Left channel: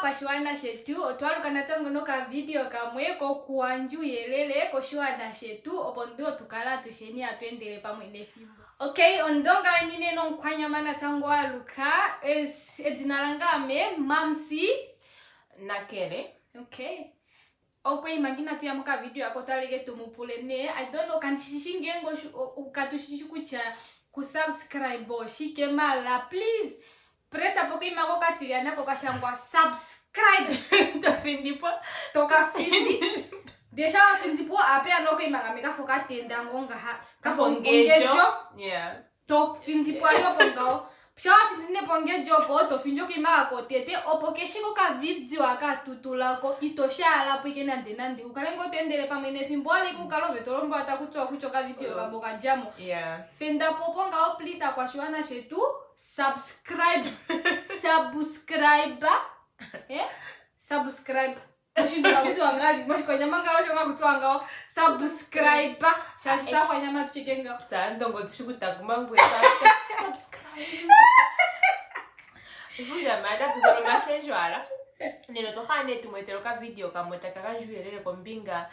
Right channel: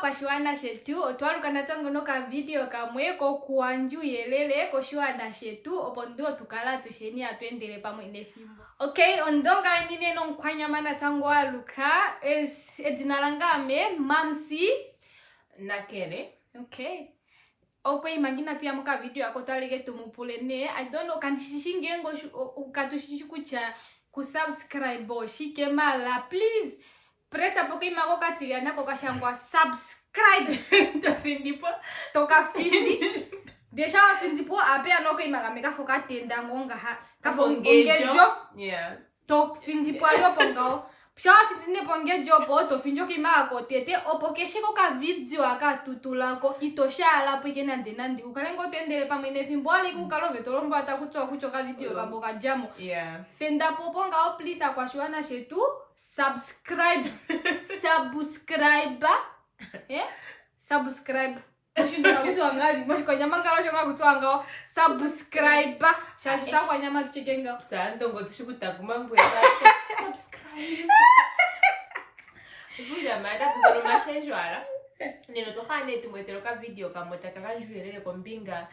kwa shiwana shetu otwalu kanatango noka video kamweko kuanju yelele ko shiwana shetu opondo tukala tusheni atwendele pamwe nefimbo. Okay, ondonga nine no nkwanya mana tango aluka edinalangame mamsi nakele. Okay. Okay, imagina tu yamuka video yako talige tumupulene. I don't know kanishishinge ngo ukatushishukucha kusubscribe shike mala please. Press apoke imako katilia nako kashangwa subscribe. Toka findi. Desha wa findi po ape anoko imaka meka foka tenda ngonga ha. Kafo ongejo. Yeah. To findi po ayo pongao. Psha findi ne pongejo po to finjo ke imako tete opoke shiko ka video aka tutulako itoshala po ikena ndenandi. Ukalengo tendele pa mene fimbo ali kukalo vetolombo atakutoa kuchoka video kaboka jamo. Yeah. Fenda po pongao please akwashwana shetu. Subscribe. Subscribe. Mushindoka kutuangali. Mushiko nyamangalo shonga kutuangao. Subscribe. Shashi sawa nyama tuchikenga. Ndongo tushikuta kumangu ya subscribe. Vuja mada kuzoro mashenjwara. Nino tohane tumweteroka video kamwetaka kanjuelele kombinga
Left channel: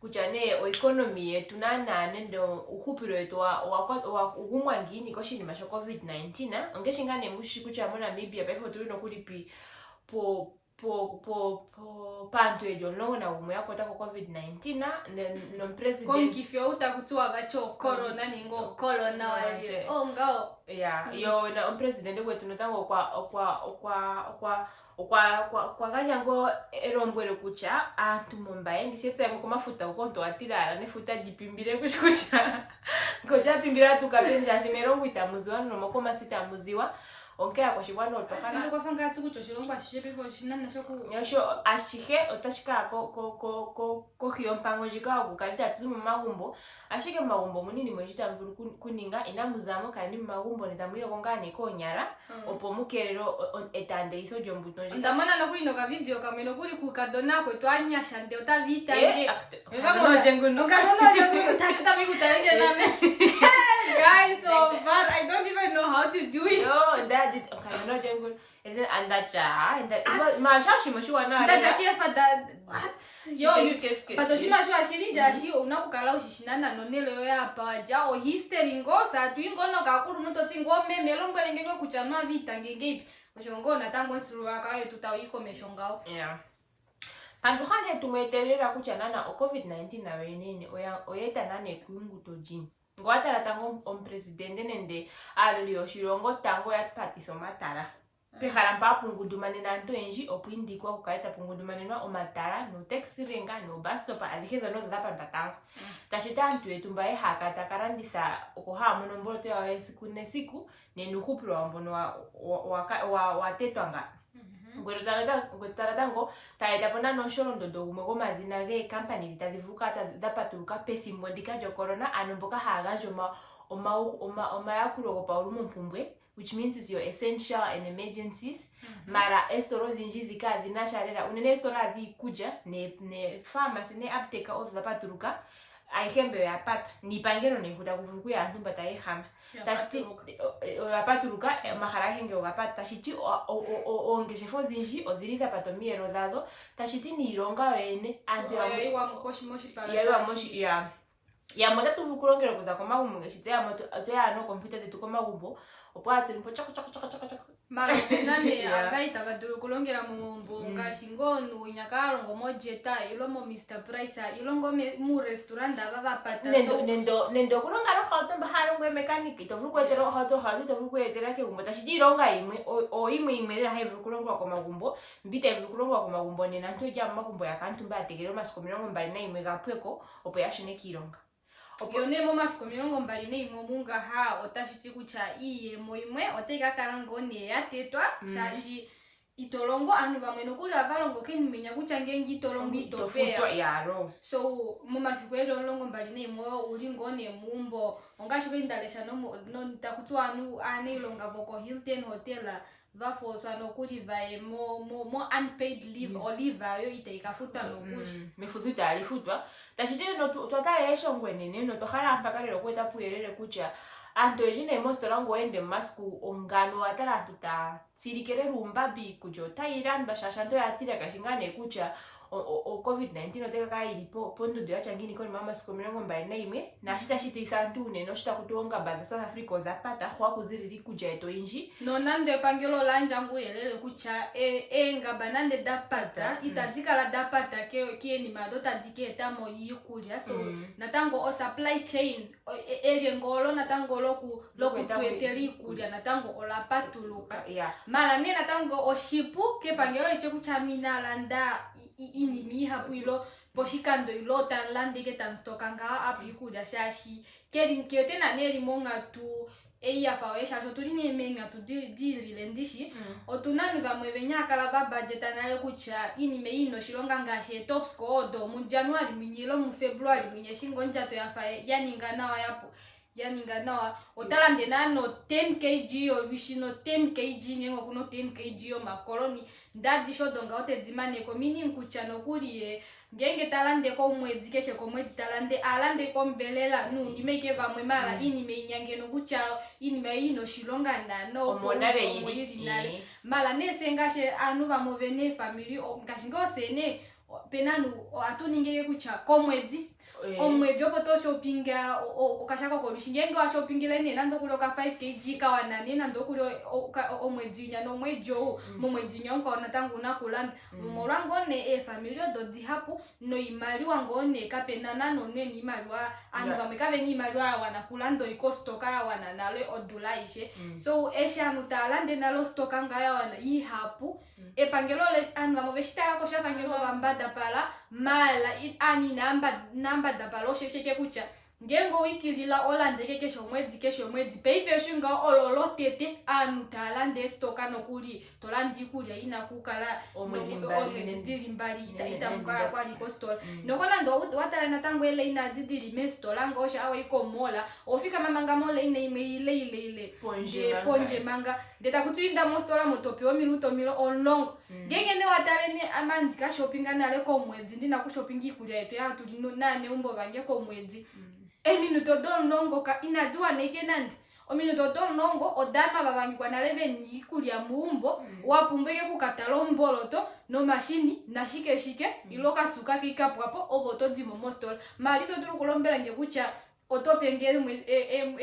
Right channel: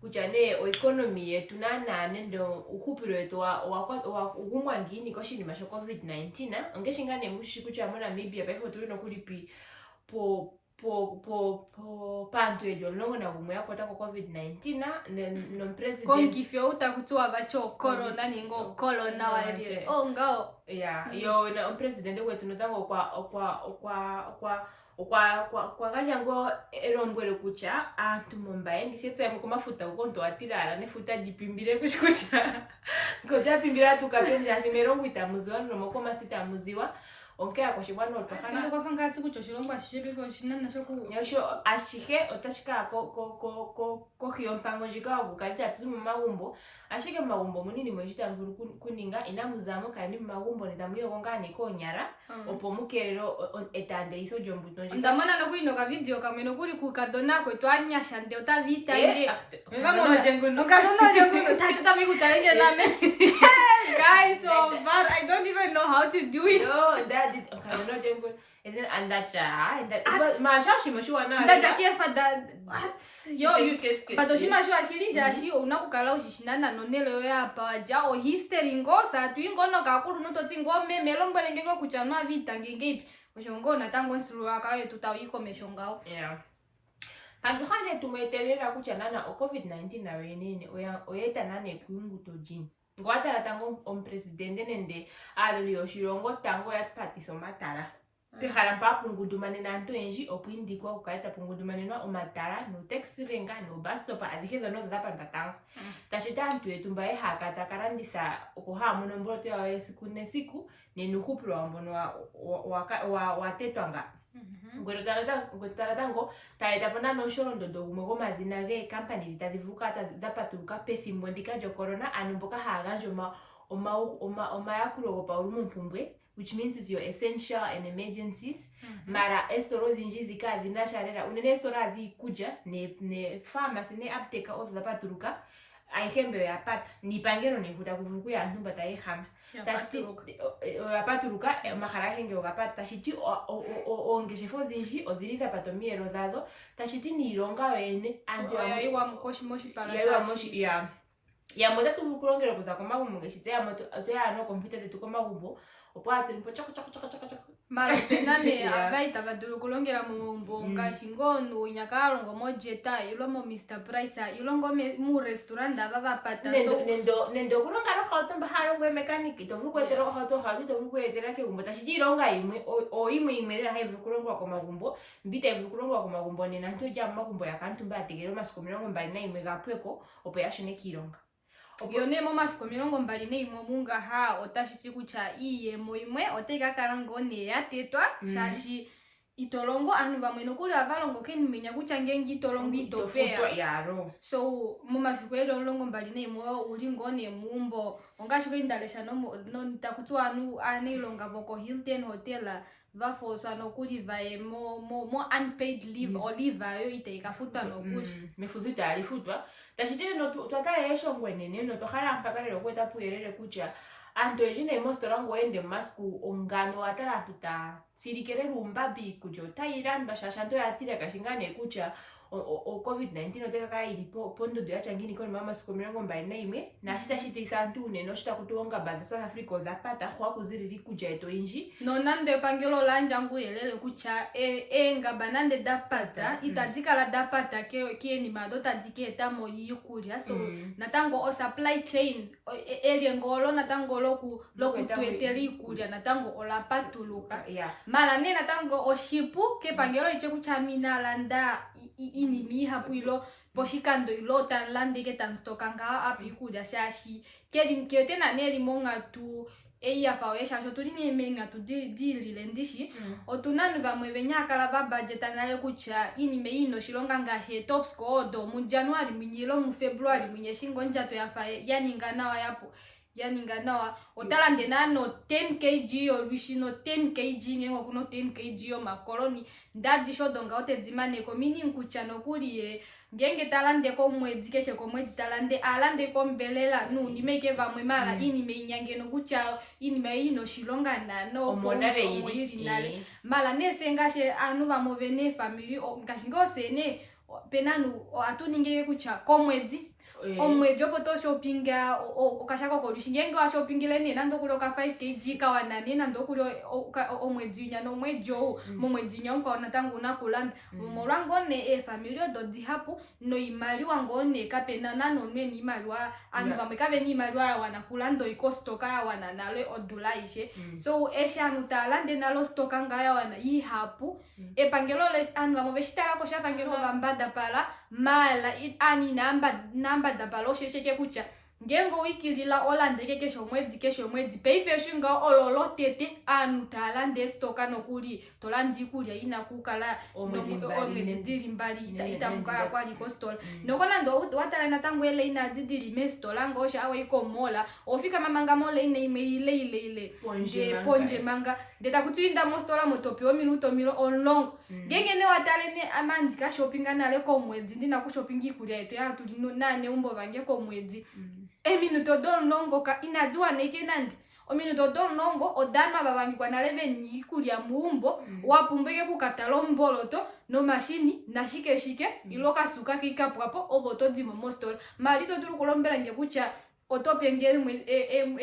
kuchane o economy yetu nanane ndo uhupiro yetu wa ugumwangini koshinima sho COVID-19 na ongeshingane mushiku cha mona Namibia pefo tulino kulipi po pantu ejo longo na umu yako tako COVID-19 na no president kongifyo utakutua bacho corona ningo corona waje ngao yo na president wetu notango kwa gajango erombwele kucha antu mombaye ngisetsa mu kumafuta ukonto atirala nefuta jipimbire kushikucha koja pimbira tukapenja shimerongo itamuziwa no mokoma sitamuziwa onkea kwa shibwana otokana ndo kwa fanga tsiku choshilongwa shishepe fo shinana shoku yasho ashike otashika ko hiyo mpango jika okukalita tsimu magumbo ashike magumbo munini mwejita mvuru kuninga inamuzamo kandi magumbo nedamuyo kongane ko nyara opo mukerero etande iso jombuto jika ndamana no kuli no ka video kamwe no kuli ku kadona ko twanya shande otavita nge ngamo jenguno ngazona jenguno tatuta mikutenge name guys so but I don't even know how to do it that is ngamo jenguno and that mashashi mashua na that what yo but oshimashua shiri jashi unakukala ushishinana nonelo ya paja o history ngo satu ingono kakulu nototsi ngome melombele ngeko kuchanwa vita ngengepi oshongona tango nsulwa kale tutawiko meshongao panduhane tumwetelera kuchanana o COVID-19 na wenene oyeta nane kuungu tojini ngwatala tango presidente nende aloli oshirongo tango ya patiso matara Pekala mpa pungudumane na nto enji opwindi kwa kukaita pungudumane na omatala no taxi renga no bus stop adikeza no zapa ntatango tashita ntu etumbaye hakata karandisa okuha monombolo to ya siku ne siku ne nukupro ambono wa tetwanga ngwetala tango taeta pona no shoro ndondo gumego mazina ge company bitadivuka ata zapaturuka pesimbo ndika jo corona anomboka haganjo oma yakurogo pa ulumu mpumbwe which means is your essential and emergencies mara estoro zinjizi ka dinasharera unene estoro azi kuja ne pharmacy ne apteka oza zapaturuka aihembe ya pata ni pangero ne huta kuvuku ya ntumba taihama tashiti apaturuka mahara henge ogapata tashiti ongesefo zinji odhirita patomiero dado tashiti ni ironga wene anti wa mkoshi moshi pala shashi ya moja tuvukulongero kuza kwa magumbo ngeshite ya moto atoya no computer tetu kwa magumbo opwate mpo choko mara penane abaita baduru kulongera mumombo ngashingonu nyakarongo mojeta ilomo Mr Price ilongo mu restaurant aba pata so nendo kulonga ro khauto mbaharo ngwe mechanic to vukwetero khauto khali to vukwetera ke gumbo tashironga imwe o imwe ra haivu kulongwa kwa magumbo mbita vukulongwa kwa magumbo ne nanto ja magumbo yakantu mbategero masikomirongo mbali na imwe gapweko opo yashone kironga yone mo mafiko mirongo mbali ne imwe munga ha otashiti kucha iye moimwe oteka karangone yatetwa shashi itolongo anu bamwe nokuli avalongo keni menya kucha ngengi tolongo itopea yaro so mo mafiko elongo mbali ne imwe uli ngone mumbo ongashuke indalesha no ntakutwa anu anelonga boko Hilton Hotel vafoswa nokuli vae mo unpaid leave oliva yo itaika futwa nokuli mefudhuta alifutwa tashitile no twatale yesho ngwene no tokhala mpaka lero kweta puyelele kucha antu ejine mostora ngoende masku ongano atala tutatsirikere lumbabi kujo Thailand bashashanto yatira kashingane kucha o COVID-19 oteka kairi pondudu yachangini koni mama siku 21 na shitashititha antune no shitakutonga bada South Africa dhapata kwa kuziriri kuja eto inji no nande pangelo lanja nguyelele kucha ngaba nande dapata itadzika la dapata kieni madota diketa mo yikulya so natango o supply chain ngolo natango loku tueteli kulya natango olapatuluka mala ne natango o shipu ke pangelo iche kuchamina landa inimi hapuilo poshikando ilo tanlande ke tanstokanga apikulya shashi kyote na neli monga tu eya fawe shasho tuline menga tu dirile ndishi otunanu bamwe benyakala ba budget anale kucha inime ino shilonga ngashe top score do mu January minyilo mu February minye shingo njato yafae yaningana yapo yaningana otalande nano 10 kg olwishino 10 kg nyengo kuno 10 kg makoloni ndadi shodonga otedzimane ko mini nkuchano kuliye ngenge talande ko mwezi keshe ko mwezi talande alande ko mbelela nu nimeke bamwe mala inime inyangeno kucha inime ino shilonga nano omoyirinale mala nesengashe anu bamovene family ngashingo sene penanu atuningeke kucha ko mwezi omwejo poto shoppinga okashako ko lushinge wa shoppingile ne nando kuloka 5 kg kawana ne nando kulo omweji nya no mwejo momweji nya ukaona tangu nakulanda morango ne family ododi hapo no imali wango ne kapena nano ne ni malwa anu bamwe kabe ni malwa wana kulando ikostoka wana nale odulaishe so esha nutalande nalo stoka ngaya wana yi hapo pangelo le anu bamwe beshitala ko shapangelo bambada pala mala ani namba dabalo shesheke kucha ngengo wikilila olandeke kesho mwezi peife shinga ololo tete anu talande stoka no kuli tolandi kulya ina kukala omwezi dili mbali itamuka kwali kostola nokona ndo watala na tangu ele ina didili mestola ngosha awe iko mola ofika mamanga mole ine ile ponje manga ndeta kutuinda mostola motopi o minuto milo on ngenge ne watale ne amanzi ka shopping anale ko mwezi ndina ku shopping kulya yetu ya tuli nane umbo bange ko mwezi minuto don longo ka inajua neke nandi o minuto don longo odama babangi kwa nalebe ni kulya muumbo wapumbeke ku katalomboloto no machine na shike iloka suka kikapwapo oboto dimo mostol malito duru kulombela ngekucha otope ngeli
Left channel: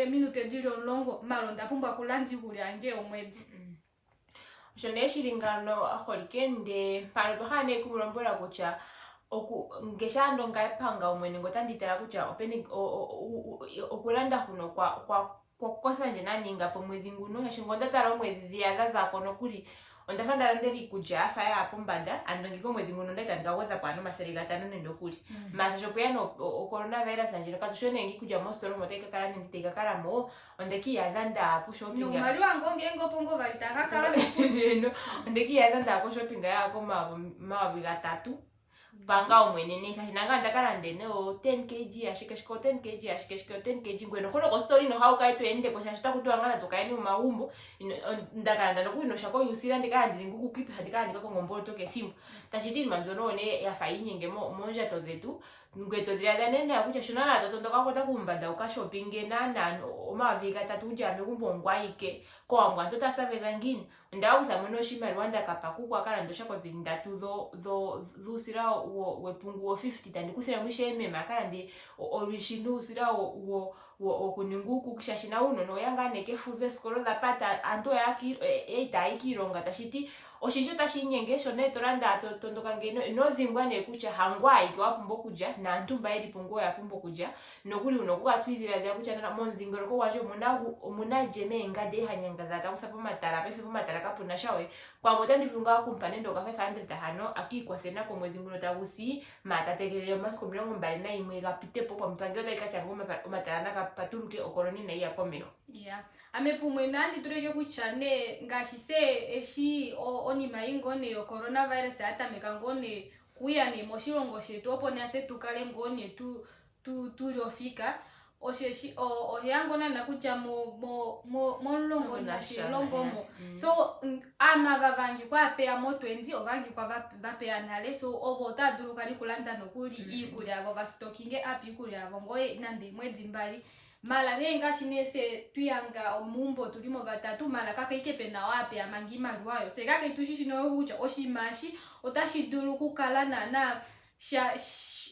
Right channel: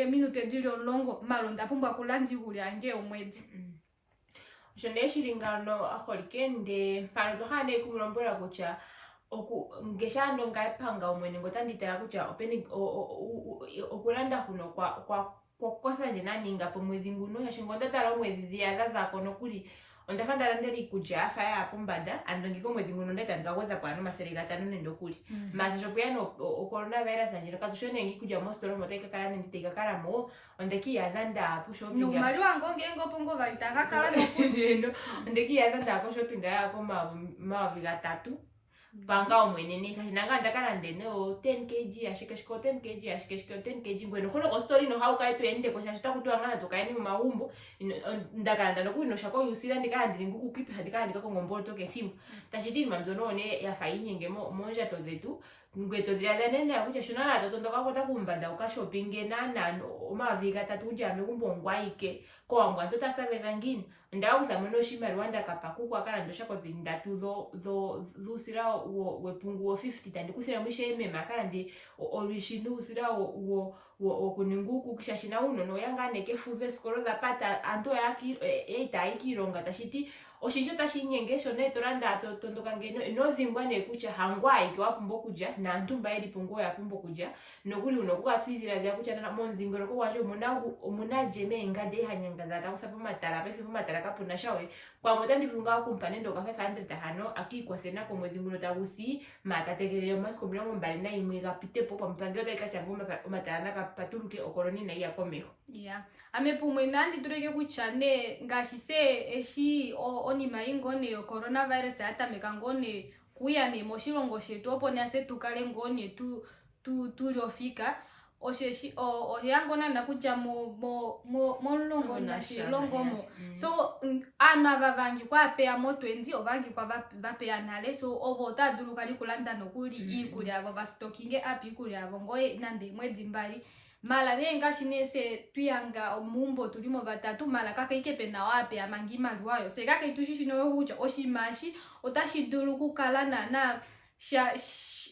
minuto dilo longo malonda pumba kulandi kulya nge omwezi jone shilingano akolikende palibahane kumulombola kucha ngeshando ngapanga umwene ngotanditela kucha openi okulanda kuno kwa kosanje naninga po mwezi nguno yashingonda tala mwezi ziyaza zako nokuli ondafanda landeli kuja afa ya pombada andongiko mwezi nguno ndeta ngaweza kwano maserika tano nendo kuli masho kuyano coronavirus anje katushone ngi kuja mostoro moteka kala nditeka kala mo ondeki yazanda apo shopping no mali wango ngengo pongo valitaka kala no ondeki yazanda ako shopping yako maviga 3 panga umwenene kashinanga ndakala ndene o 10 kg ashikeshiko 10 kg ashikeshiko 10 kg ngweno kono ko story no hauka itu ende ko shashita kutwangana tokaeni mu maumbo ndakala ndano kuino shako yusira ndikala ndilinguku kipi hadikala ndikako ngombolo toke simbo tashitini mamzono ne ya fainye ngemo monja tozetu ngweto zilada nene yakucha shonala totondoka kota kumbanda uka shopping nana omaviga 3 ujame kumbongwaike ko ambwa totasaveva ngini ndauza mwono shima Rwanda kapakuku akala ndosha ko zindatu zo sira wepungu 50 tandi kusira mwisheme makala ndi orishindu sira wo kuninguku kishashina uno no yanga neke fuze skolo za pata anto yaki ikironga tashiti oshinjo tashinyengesho ne toranda tondoka ngeno no zimbwa ne kucha hangwa ikiwapumbo kuja na antumba ili pungo ya pumbo kuja nokuli unokuwa twizira ya kucha na monzingoro ko waje munajeme ngade hanyanga za takusapo matara pefe matara kapuna shawe kwa motandi vunga kumpane ndo ka 500 hano akikwa sena ko mwezi nguno tagusi matategelele masko mlongo mbali na imwe kapite popo mpangyo ta ikachangoma matara na kapatuluke okoloni na iya komeko amepumwe nandi tureke kuchane ngashise eshi oni maingo ne coronavirus hata mekangone kuya ne moshilongo shetu opone ase tukale ngone tu rofika osheshi oyangona nakucha mo longo na shilongo mo so ana babangi kwa pe amo 20 obangi kwa bape anale so obota duru kali kulanda nokuli ikuli abo ba stocking api kuli abo ngoye nande mwezi mbali mala nenga shinese tuyanga mumbo tulimo batatu mala kaka ikepe na wapi amangi maluayo se kaka itushishino ucha oshimashi otashidulu kukala na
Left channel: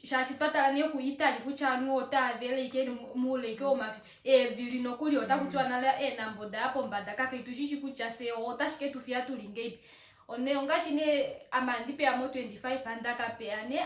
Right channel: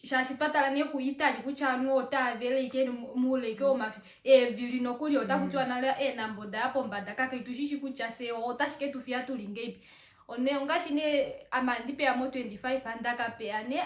shashipatala ne ku Italy kuchanu otavele ikeni mule ike omafi vili nokuli otakutwa nala namboda hapo mbada kaka itushishi kucha se otashike tufia tulingeipi one ongashine amandipe ya mo 25 andaka peane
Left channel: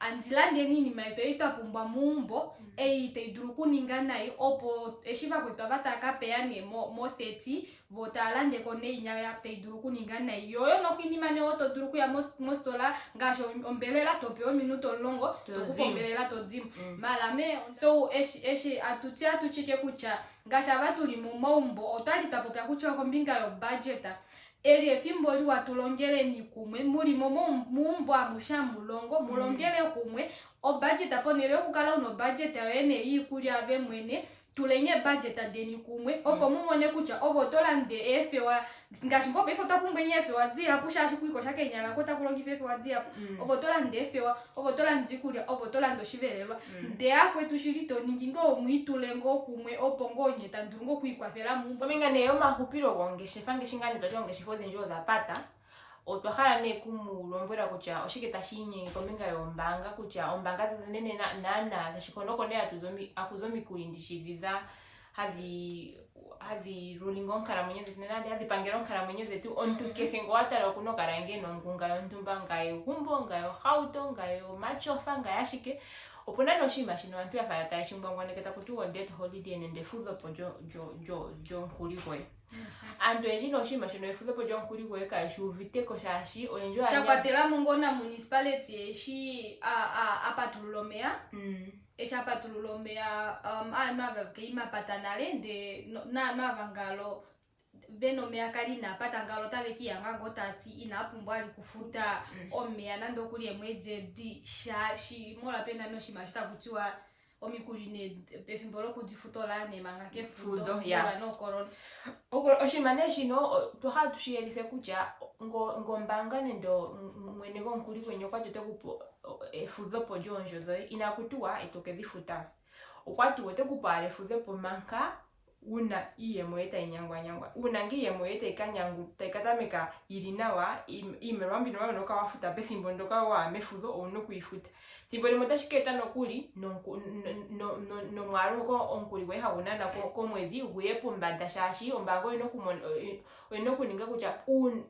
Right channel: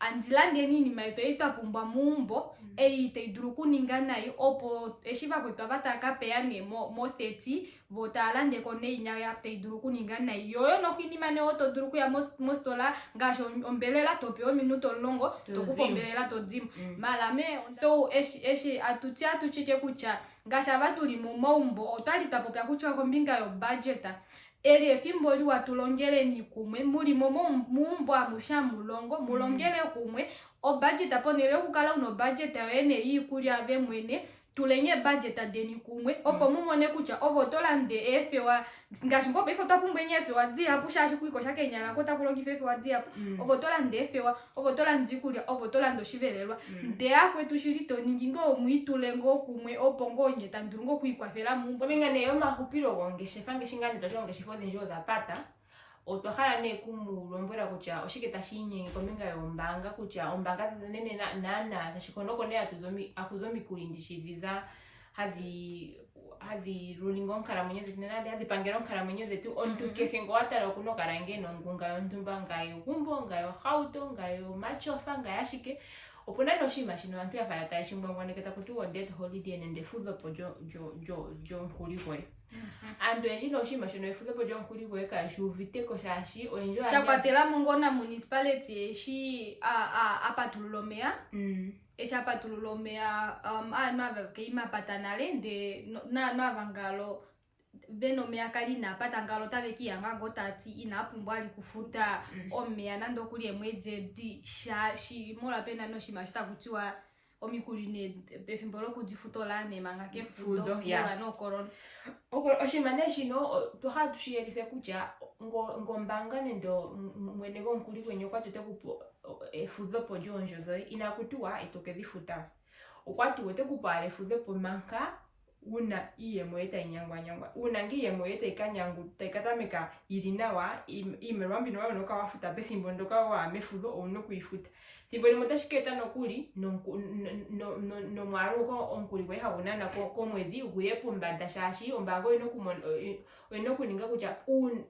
andilande nini maito itapumbwa mumbo teiduru kuninga nayo opo eshiva kwetwa bataka peane mo 30 votalande kone inya ya teiduru kuninga nayo yoyo nokinimane oto duru kuya mostola ngasho ombelela tope minuto longo tokufombelela todzimu malame so eshi atuchike kucha ngasha batuli mu mombo otali tapopya kucha kombinga yo budgeta eli efimbo li watulongele ni kumwe muri mumbo amusha mulongo mulongele kumwe o budget aponele kukala uno budget yene yikuli ave mwene tulenye budget adeni kumwe opo mumone kucha ovotolande efe wa ngashi ngope efe takumbwenye efe wa dzia pusha shikuiko shake nyala kota kulongi efe wa dzia ovotolande efe wa ovotolande kulia ovotolando shivelelwa nde akwe tushirito ningingo muitulengo kumwe opo ngonye tandurungo kuikwafela mumbo minga neyo mahupiro gongeshe fange shingani bajongeshe fode njo zapata otwahala ne kumulombwela kucha oshiketa shinye kombinga yombanga kucha ombanga nene nana tashikonoko ne akuzomi kulindishiriza hadhi rulingo nkala mwenye nade hadhi pangelo nkala mwenye zetu ontu kekengo watala kuno karange nongunga yontumba ngayo gumbo ngayo hauto ngayo machofa ngayashike opona no shima shino antu afaya ta shimbangwane kata kuti one day holiday nende fuzo po jo nkuli kwe andu enji no shima shino fuzo po jo nkuli kwe ka shuvite ko shashi oenjo shakwatela mungona municipality eshi apatululomea esha patululomea anava keima patanale de na vangalo beno mea kalina patangalo taveki yanga ngotati inapumbwa ali kufuta omea nando kuli emweje di shashi mola pena no shima shita kutiwa omikuline pefimbolo kudifutola ne manga ke fudo ya no corona oshimane shino toha tushiyelife kucha ngombanga nendo mwene go nkuli kwenye kwa tote kupo fudo po jonjo zo inakutua itoke difuta okwatu wote kupare fudo po manka una iye moeta inyangwa una ngiye moeta ikanyangu taikatameka irinawa imerwambi no kawafuta besimbo ndoka wa mefudo ono kuifuta timboni mutashiketa nokuli no mwaro ko onkuli we hawunana ko mwezi uguye pumbanda shashi ombango ino kuninga kucha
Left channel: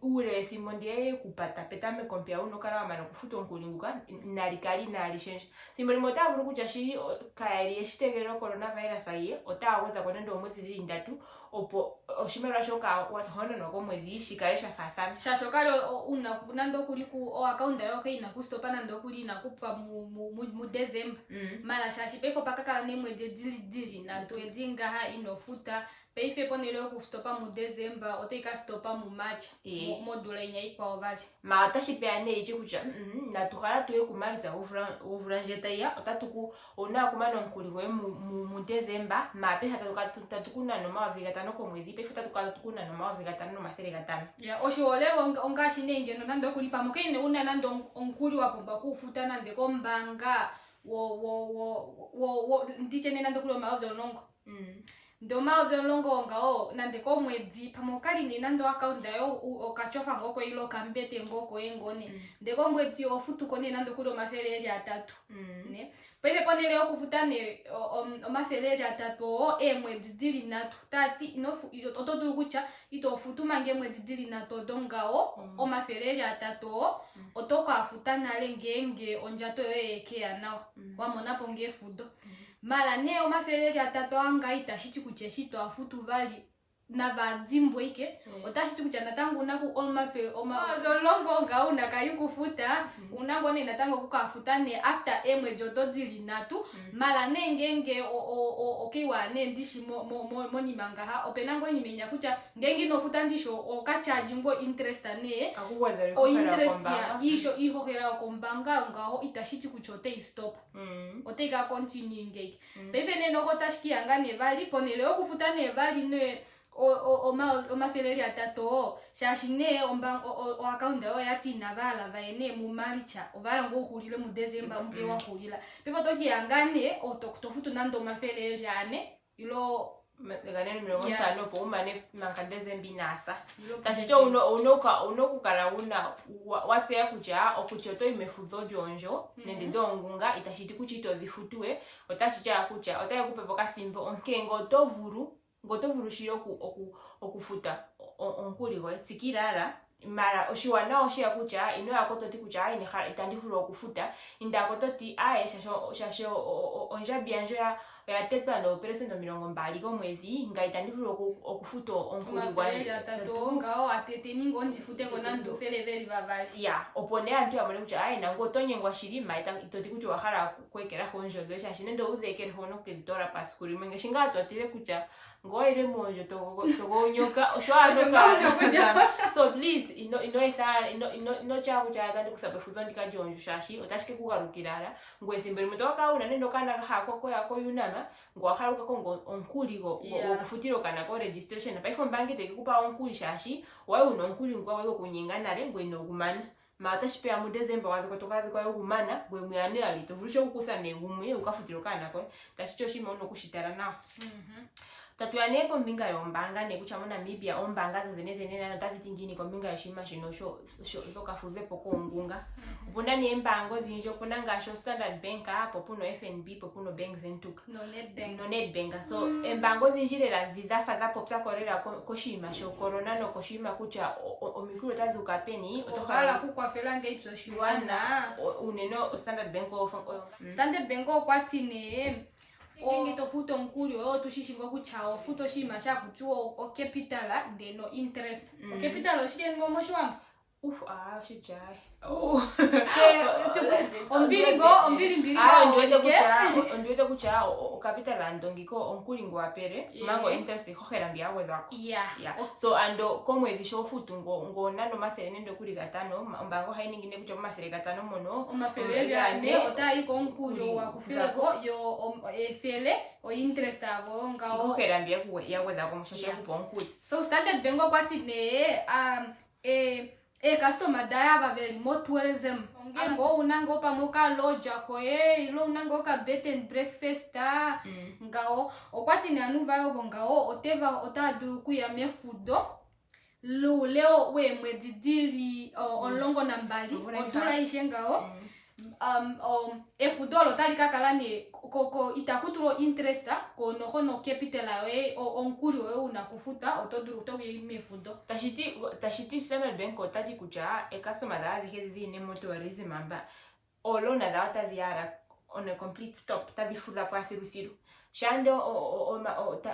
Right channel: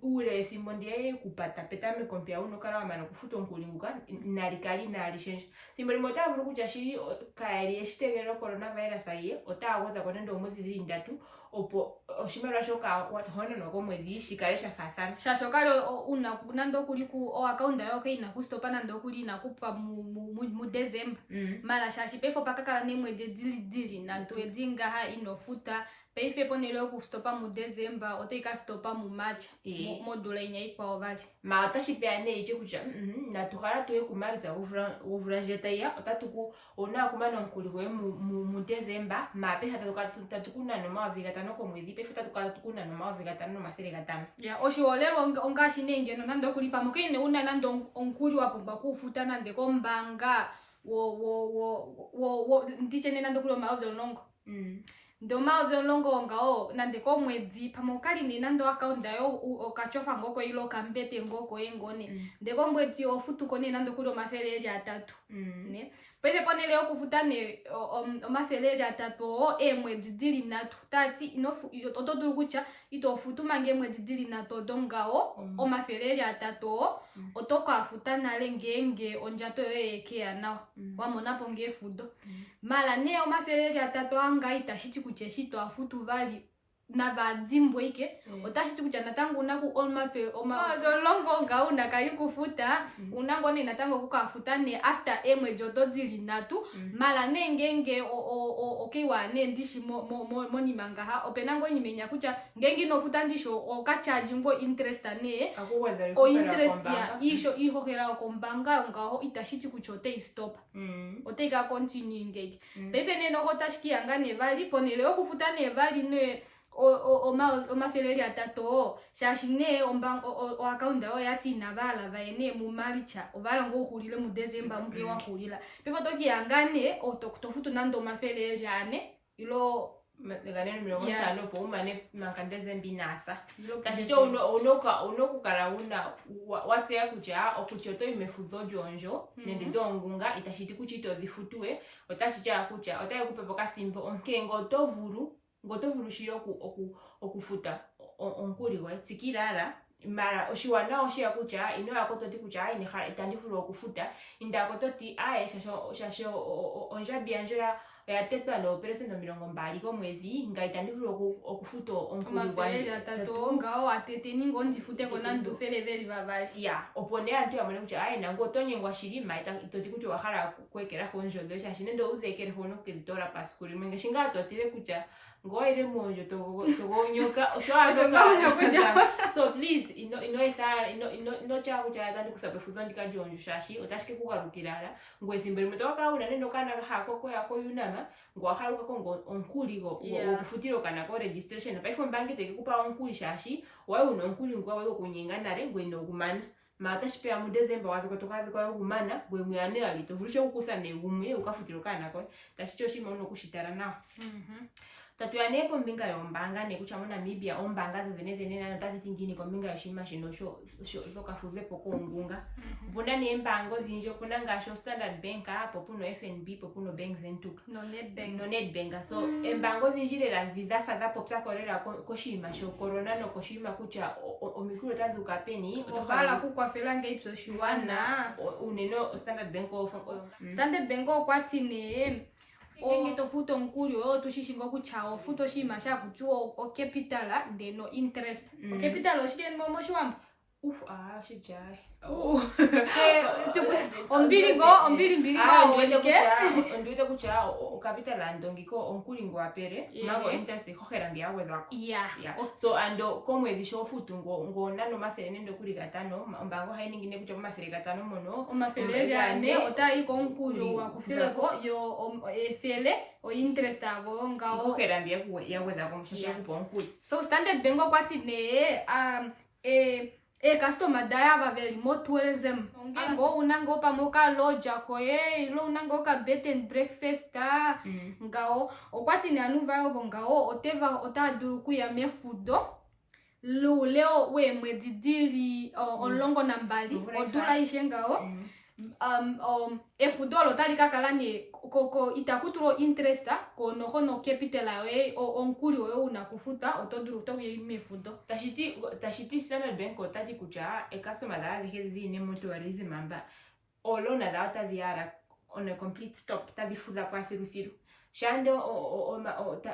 ule simbo ndiye kupata petame kompia uno kala mano kufuta onkulinguka nalikali nalishenja timboni mutavuru kucha shiri kaeri eshitegero coronavirus aye otaweza konendo omwezi zindatu opo oshimera shoka wathono no komwezi shikale shafathana shashokalo una nando kuli ku o account yoke ina kustopa nando kuli na kupa mu December mala shashi peko pakakala nemwe de dili na to edinga ha inofuta peife ponelo kustopa mu December oteka stopa mu March modula inya ikwa ovali ma tashipeane ichi kucha na tukala tuwe kumanza uvranjeta ya otatuku ona kumano nkuliwe mu December ma pe hata tukuna no maviga tano komwezi pe futa tukala tukuna no maviga tano masere gatano ya oshiolero ongashi nenge no nando kulipa mukene una nando onkuli wapomba kufuta nande kombanga wo ndichene nando kulo maozo longo ndo maozo longo ngao nande komwezi pamokali ni nando account yo okachofa ngoko ilo kambete ngoko engone ndeko mwezi ofutu kone nando kulo mafereli atatu ne pele ponele okufuta ne omafereli atatu mwezi dili natu tati inofu otoduru kucha itofutu mange mwezi dili natu dongao omafereli atatu otoka afuta nale ngenge onjato yoyekea nawo wamona ponge fudo mala ne omafereli atatu anga itashiti kucheshito afutu vali na vadzimbo ike otashiti kucha natangu unaku zolongo ngauna kayikufuta unangone natango kukafuta ne after emwe joto dili natu mala nengenge okiwa ne ndishi moni mangaha openango nyimenya kucha ngengi nofuta ndisho okachaji ngo interest ne o interest ya isho ihokera okombanga ngaho itashiti kuchote stop oteka continue ngeke pefe ne no hotashiki anga ne vali ponele okufuta ne vali ne omafeleli atato shashine o account yo yati navala vaene mu maricha ovala ngo uhulile mu December mpe wahulila pepo toki yangane otokutofutu nando mafeleli jane ilo ganeno milongo tano po umane mankandeze mbinasa ilo kachito unokukala una watseya kuja okuchoto imefuzo jonjo nende dongunga itashiti kuchito dhifutue otachija kuja otaye kupepo kathimbo onkengo ngotovuru shiro okufuta onkuli gwe tsikilala mara oshiwana oshia kucha ino yakototi kucha itandifuru okufuta indakototi aye shasho onjabi yanjo yatetwa no peresento 20 komwezi ngaitandifuru okufuta onkuli gwe atato ngao atete ningo ndifute kona ndofeleveli vavashi ya opone antu yamone kucha aye nango tonyengwa shirima itoti kucha wakhala kwekera honjozo shashine ndo udhekere hono kevitora paskuli mwenge shinga atotire kucha ngoire monjo togonyoka so please ino chaku cha tandi kusabefuza ndikajonjo shashi otashike kugarukirara ngwethimbo limetoka una nendo kana hako yako yunama ngwakharuka ko onkuli go okufutiro kana ko registration pa ifo bank teke kupa onkuli shashi wawe uno onkuli ngwa wawe kunyinga nare ngweno kumana mata shipea mu December wazo kotokazi kwa kumana gwe muyane ali tovulisho kukusane bumwe ukafutiro kana ko tashicho shimo no kushitara nawo tatuyanepo mbinga yombanga nekuchamo Namibia ombanga zene nano tazitingini kwa mbinga yoshima shino zokafuzepo kongunga bunda ni embango zinjo kuna ngasho Standard Bank popuno FNB popuno Bank Ventuka no Nedbank so embango zinjirela zizafa za popsa korela koshima sho corona no koshima kucha omikuru tazuka peni obala kukwafela ngeipso shuwana uneno Standard Bank Standard Bank kwatine ngito futo nkulyo tushishingo kuchao futo shima sha kutuo o capital ndeno interest o capital oshike momo shwambo shijai ombili go onduite kucha o capital andongiko onkulingo apere mago interest kohera mbia wedwako so ando komwezi sho futu ngo nano masere ndo kuli gatano mbango hainingine kucha masere gatano mono omafelele ane otayi ko nkujo wa kufileko yo efele o interest abo ngao kohera mbia ya wedwako mushasha kuponkuli so Standard Bank kwati ne customer daya va very more tourism ngo unango pamoka loja ko ilo unango ka bed and breakfast ngao okwati ne anuva yo ngao oteva otaduru ya mefudo leo we mwedidili onlongo nambali odula ishengao efudolo talika kalane koko itakuturo interest ko no capital awe onkuri we unakufuta otoduru toge mefudo tashiti Standard Bank otati kucha customer da dije ne tourism amba olona da tadiara on a complete stop tadifuza kwa sirusiru shando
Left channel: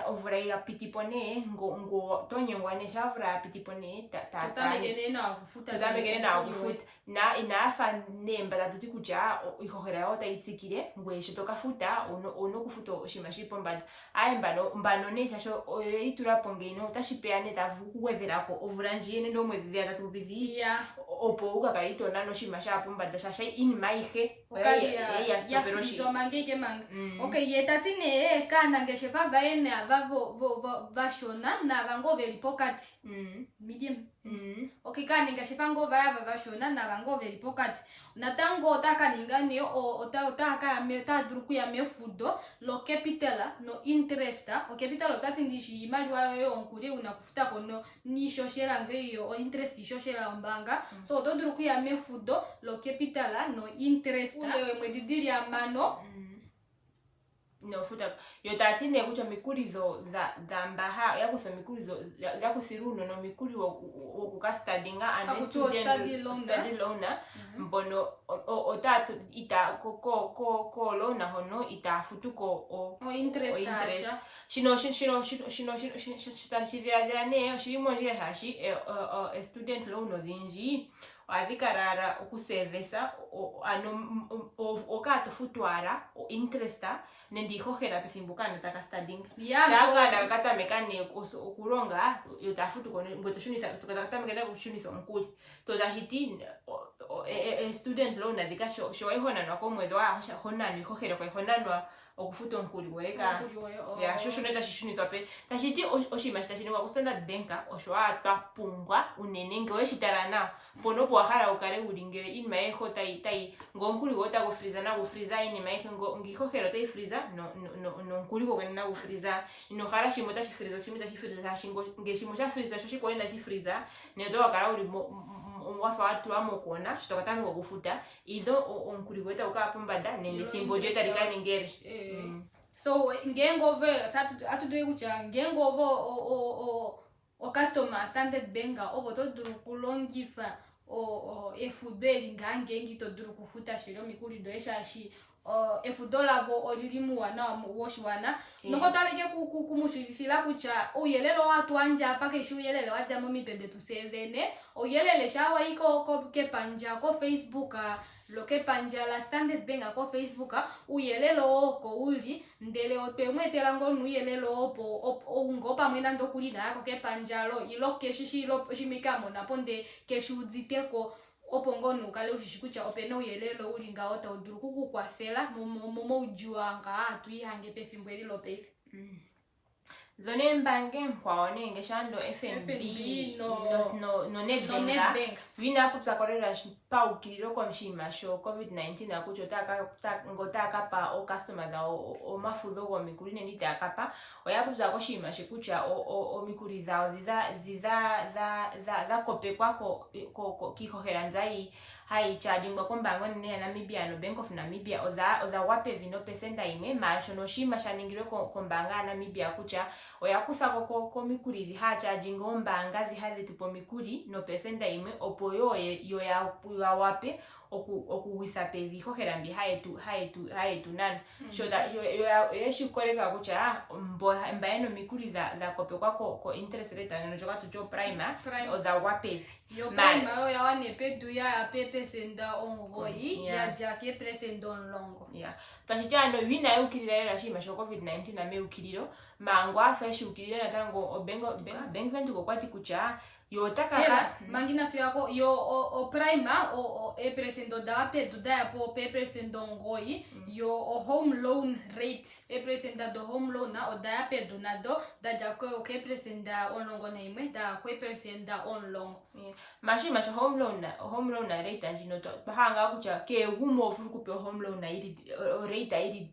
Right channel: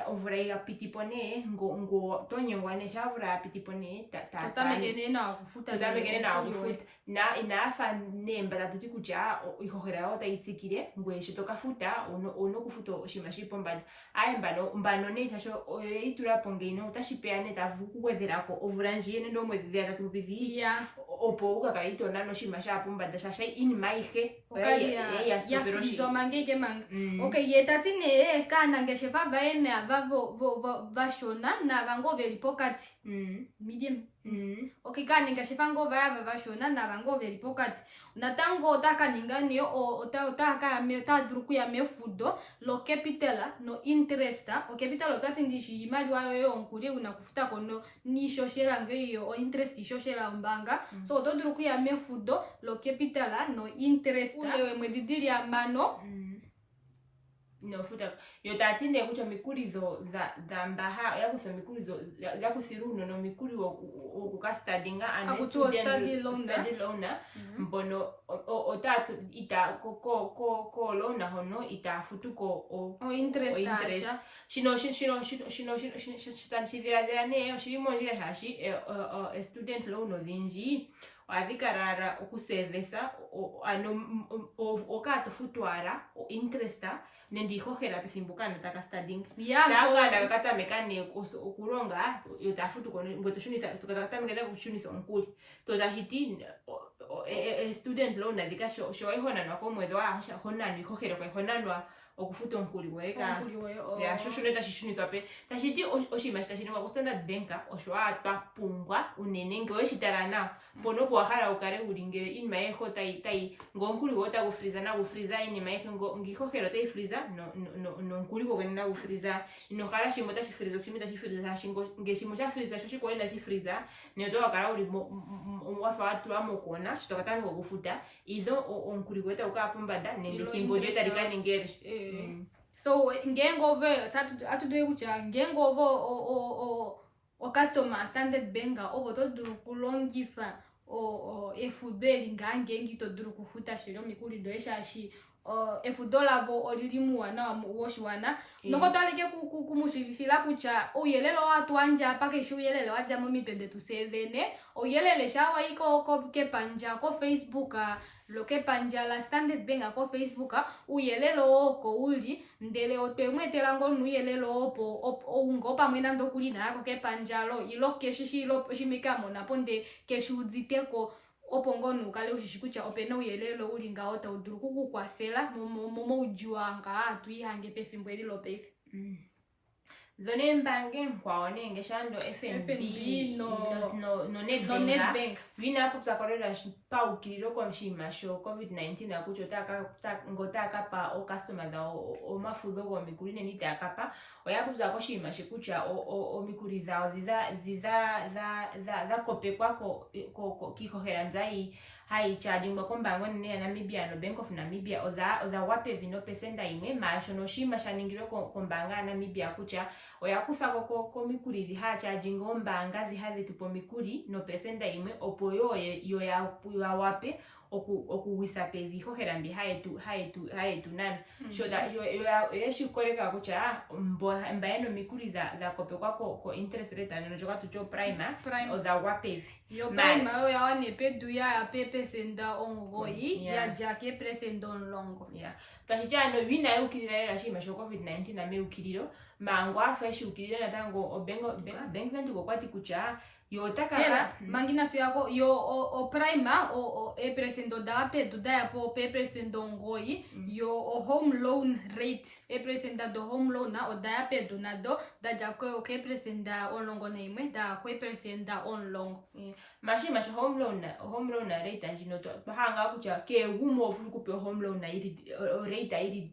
ovrai apitipone ngo tonyengwane shavra apitipone tatamegene na kufuta na inafa nemba tatuti kuja ihogera ota itsikire ngwe shitoka futa ono kufuta oshimashipo mbano ne shasho itura pongeino tashipeane tavu kuwezerako ovranjie ndo mwezi ya tatubidi opo ukakaito nano shimashapo mbanda shasha in maihe ya frizo mangeke manga okay yetatine kana ngeshefa baene avavo vashona na vango veli pokati medium okay kana ngeshefa ngo vaya vashona na vango veli pokati natango taka ningani otaka meta druku ya mefudo lo capital no interest o capital otati ndishi imali wayo onkuri unakufuta kono ni shoshera ngeyo o interest shoshera mbanga so otodruku ya mefudo lo capital no interest ule mwedidili ya mano no futa yo tatine kucha mikurizo za mbaha yakusa mikurizo yakusiruno no mikuri wo kukastadinga and study loan mbono otatu ita ko loan hono ita futuko o interest shino ne shimo je hashi student loan odinji avikarara okusevesa okato futwara o interesta nendiho hera pisimbukana takastading shaka kata mekane okuronga yotafutu kono ngotoshunisa tukata mekane kushunisa omkuli tozashiti student loan adika shoy hona no komwedo hona ni hojero ko hona no okufuta onkuli weka Onkuli we, ya shosho neta shishunithwa pe tashiti oshinima shitashiningwa ku Standard Bank osho atwapungwa unene ngele weshitala nawa mpono opo wahala ukale uli ngele inima yeho tayi ngonkuli go otagufriza nagufriza inima yehe ngihohera otayifriza nonkuli go kwene nagufriza inohala shimwe otashifriza shimwe tashifriza ngele shimwe shafriza sho shikwaye ndashifriza neto wakala uli wafa watulwa mokona shito katameka okufuta idho onkuli go etauka pombanda nenge thimbo lyo talika ningere so ngengove atudwe kucha ngengove o customer Standard Bank obo toduru kulongifa efudo elingange ngitoduru kufuta shilo mikuli ndo eshashi efudo lavo olilimuwana woshiwana noko twaleke kumushivifila kucha uyelelo watu wanja pake shu uyelele waja momipende tu 7 uyelele shawa iko kepanja ko Facebook lo kepanja la Standard Bank ko Facebook uyelelo oko uli ndele otwemwetela ngonu uyelelo opo ungopa mwena ndokuli nako kepanjalo ilo keshishilo shimikamo naponde keshudziteko opo ngonu ukale ushishikucha opena uyelelo uli ngawo tauduru kukukwafela momo ujiwa nga atuihange pefimbo elilo pefi zone mbange nkwaone ngeshando FNB no Nedbank wina hapo tsakorera paukiliro kwa mshima sho COVID-19 akucho ngotaka pa o customer da o mafudo go mikuli neni takapa oyapo tsako shima shikucha o mikuli zao za kope kwako kihohera mzai hai charging kwa kombango nene ya Namibia no Bank of Namibia oza wape vino pesenda ime maasho no shima shaningiro kombanga Namibia kucha oyakusa ko mikuli ha charging ombanga zihaze tupo mikuli no pesenda ime opo yo ya wape okuwisa pevi hohera mbi haetu nani so that yo yeshikoleka kucha mbaeno mikuli za kope kwako ko interest rate ano joka tucho prime oza wapevi yo prime yo yawane pedu ya pepe senda ongoyi ya jake presenda onlongo tashitano wina ukilira era shima sho COVID-19 na meukiliro mangwa feshi ukilira natango Bank Venture kwati kucha yo takaka mangina tu yako yo o prima o presendo da pedu da po presendo ngoi yo home loan rate presenda do home loan na o da pedu na do da jako o presenda onlongo na imwe da ko presenda onlongo mashima sho home loan na rate anjino to bahanga kucha ke gumo fu ku home loan na iri rate iri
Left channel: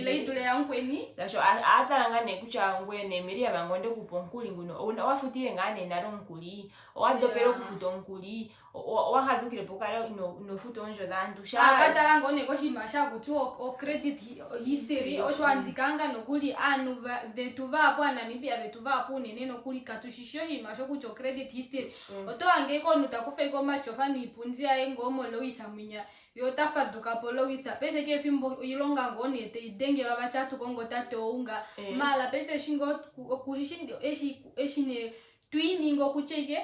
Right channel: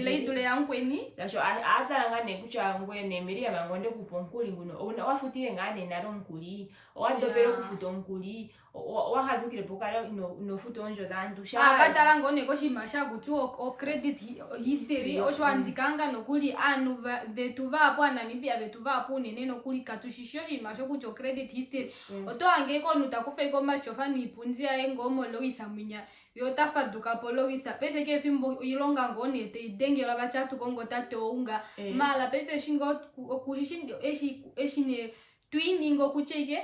leidule yankweni dasho atala ngane kucha ngwene miria mangonde kuponkuli nguno wafutile ngane naro nkuli wadopero kufuta nkuli wahadukire pokara no futo onjo dandu sha akatala ngone ko shimasha kutu o credit history oshwanzikanga nokuli anu vetu vapo Namibia vetu vapo nene nokuli katushishyo shimasho kucho credit history oto ange ko nutakufa iko machofa nipunzia engomo loisa munya yo tafaduka polowisa pese ke fimbo ilonga ngone te idengela bachatu kongo tato unga mala pese shingo kushishindo eshine twiningo kucheke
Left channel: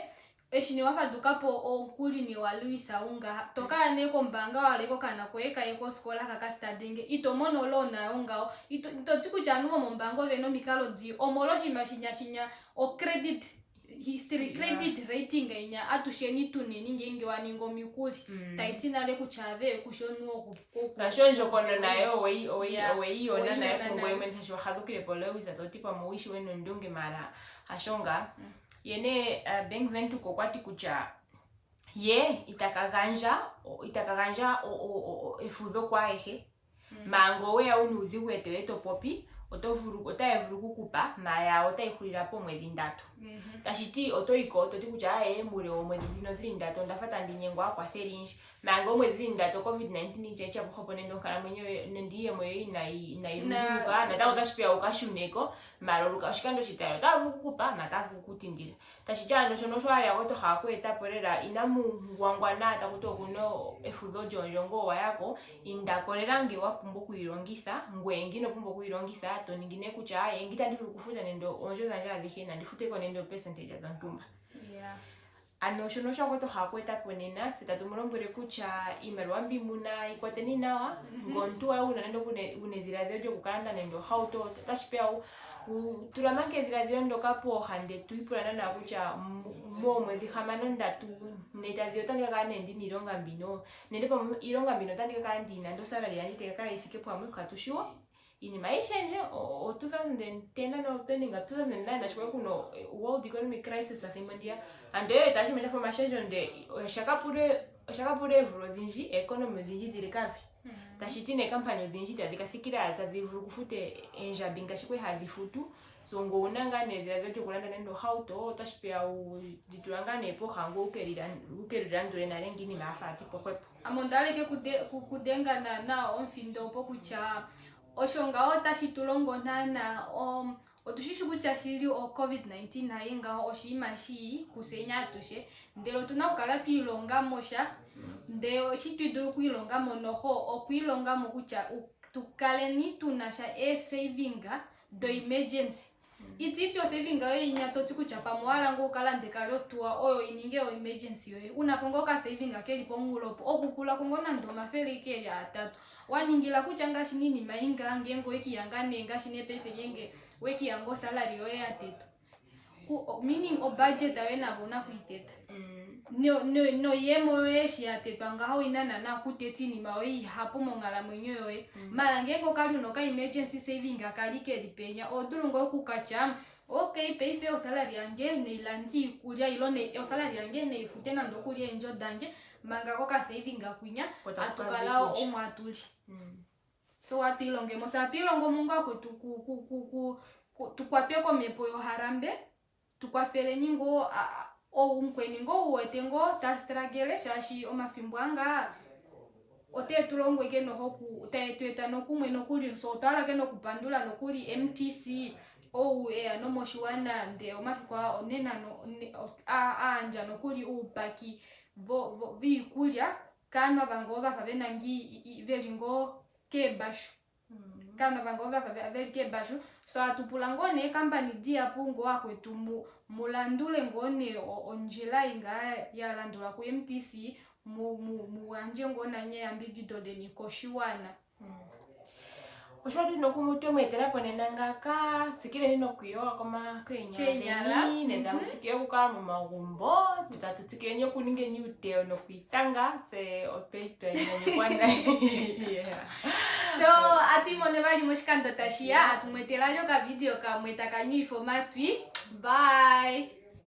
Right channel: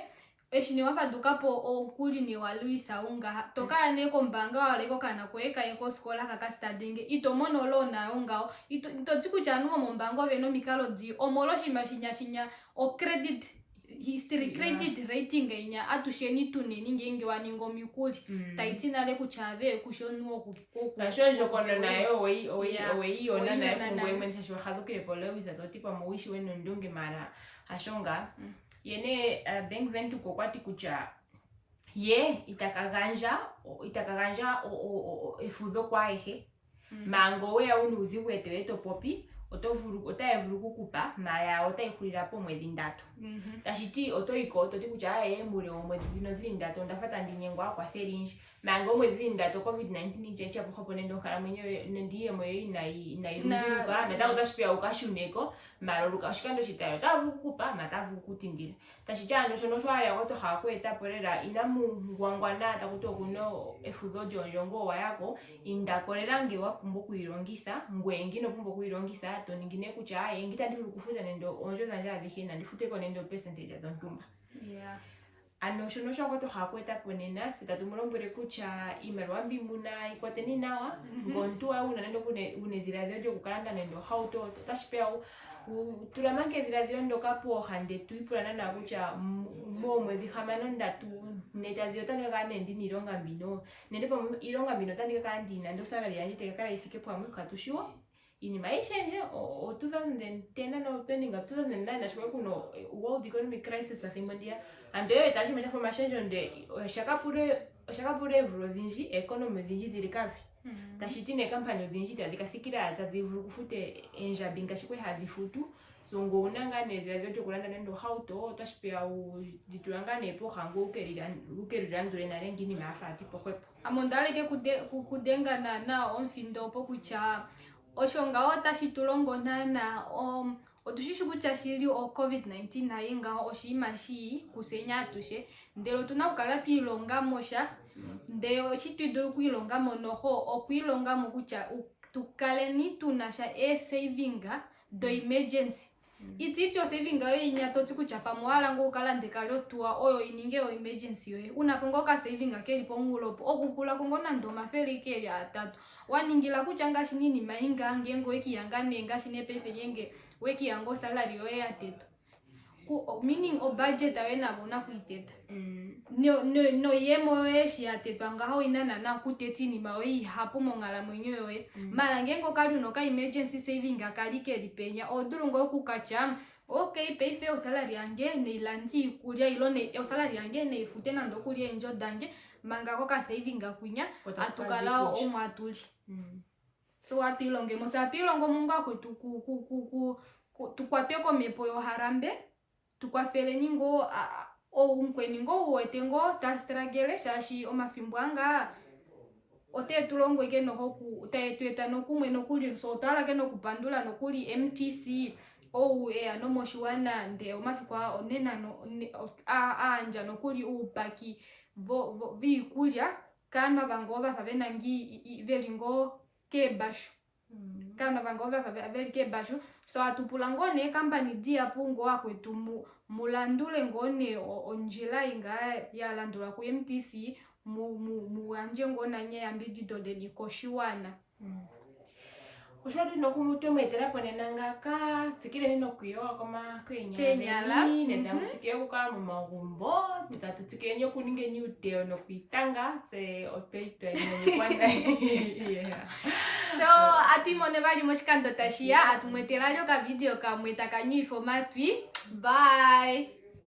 eshine wafaduka po okuli ni waluisa unga toka neko mbanga waleko kana kweka eko skola kaka studying itomono lona unga ito tsiku chanu mo mbango beno mikalo di omoloshi mashinya o credit history credit rating inya atusheni tuneni ngenge waningo mikuli taitina le kuchave kushonu na shonjo kono nayo wei ona na kongo imensa shwa hadukire polewisa to tipo moishi weno ndunge mara ashonga yene Bank Venture kokwati kucha ye itakaganja efudo kwa ehe mango we aunuzi weto popi otayevulu kukupa maya otayikulira po mwezi ndatu tashiti otoiko toti kucha mure omwezi dino 3 ndatu ndafata ndinyengwa kwa selinji mango mwezi ndatu COVID-19 checha buhopo nendo nkala mwenyewe ndiye moyo inairunga nata utashipia ukashuneko maloluka shikando shitayo tavu kukupa matavu kutindira tashichando shono shwaya goto hakweta porera inamu ngwangwana takuto kuno efudo jonjongo wayako indakorera nge wapumbo kuirongitha ngwengi no pumbo kuirongitha to ningine kucha ngita ndivulu kufuta nendo onjo zanja adhike na ndifuteko nendo percentage ya ntumba ano shono shako to hakweta ponena tsetatumbolombwele kutya iimaliwa mbi muna ikwateni nawa ngontu wawe unanendo unedhiladhilo lyokukalanda nendo ohauto otashipeya tulamanke edhiladhilo ndoka pooha ndetu ipulana na kutya moomwedhi 6-3 netadhilo otandika kala nendi niilonga mbino nende pamwe iilonga mbino otandika kala ndina ndo salary yandje teka kala ifike pamwe katushiwo inima ishenje o 2010 no peninga 2009 nashikwe kuno world economic crisis lathimbo ndiya ando yo etashima cha formashenjo nde shakapule vulu odhinji economy odhinji dhili kavi tashiti ne kampani odhinji tadhikathikila tadhivulu kufute enjabi ngashikwe hadhifutu so ngo unanga nedhiladhilo lyokulanda nendo hauto otashipeya ditulanga nepoha ngo ukelilandule nale ngini maafati pohwepo amondaleke kudengana na omfindo opo kutya oshonga otashitulongo nana otushishi kutya shili COVID-19 naye ngaho oshiima shi kusenya atushe ndelo tuna kukala twiilongamo sha nde oshitwidulu kwiilongamo noho okwiilongamo kutya tukaleni tunasha savinga do emergency itityo savinga yo inyatoti kutya pamwala ngo ukalande kalyotuwa oyo ininge o emergency yoye unaponga ka savinga kelipo mulopo okukula kongo nando mafeli keli 3 waningila kutya ngashi nini mainga ngengo ekiyanga nenga shine pepe ngenge wekiyango salary yoye ya teto meaning o budget awe nabona kuiteta no yemo yoye shi ya teto ngaho inana na kutetini mawe hapo mongala mwenyo yoye mara ngengo kali unoka emergency saving akali kelipenya odurungo kukacha okay pay fair salary yange neilandi kulia ilone salary yange neifute na ndokulia enjo dange manga koka saving akwinya atukalao omwatuli so atilonge mosa atilongo mungu akwetu tukwapeko mepo yo harambe tukwafele ningo umkweni ngo uwete ngo tastragele shashi omafimbwanga otetulongwe ke noho utaetweta nokumwe nokuli so twalake nokupandula nokuli MTC no moshiwana nde omafikwa onena anja nokuli upaki viikulya kana bango bafa benangi velingo kebashu kana bango bafa velike bashu so atupulango ne company dia pungo akwetu mulandule ngone onjila inga ya landula ku MTC muanje ngona nye ambidi dode ni koshiwana oshwadi nokumuto mwetera ponenanga ka tsikile nino kuyoa koma kenyala nenda mutsikile kukala mu magumbo tutatsikile nyo kuninge ni uteo no kuitanga tse opepe no kwanda yeah so atimone bali moshikando tashia atumwetela lyo ka video kamwe takanyu informatwi bye.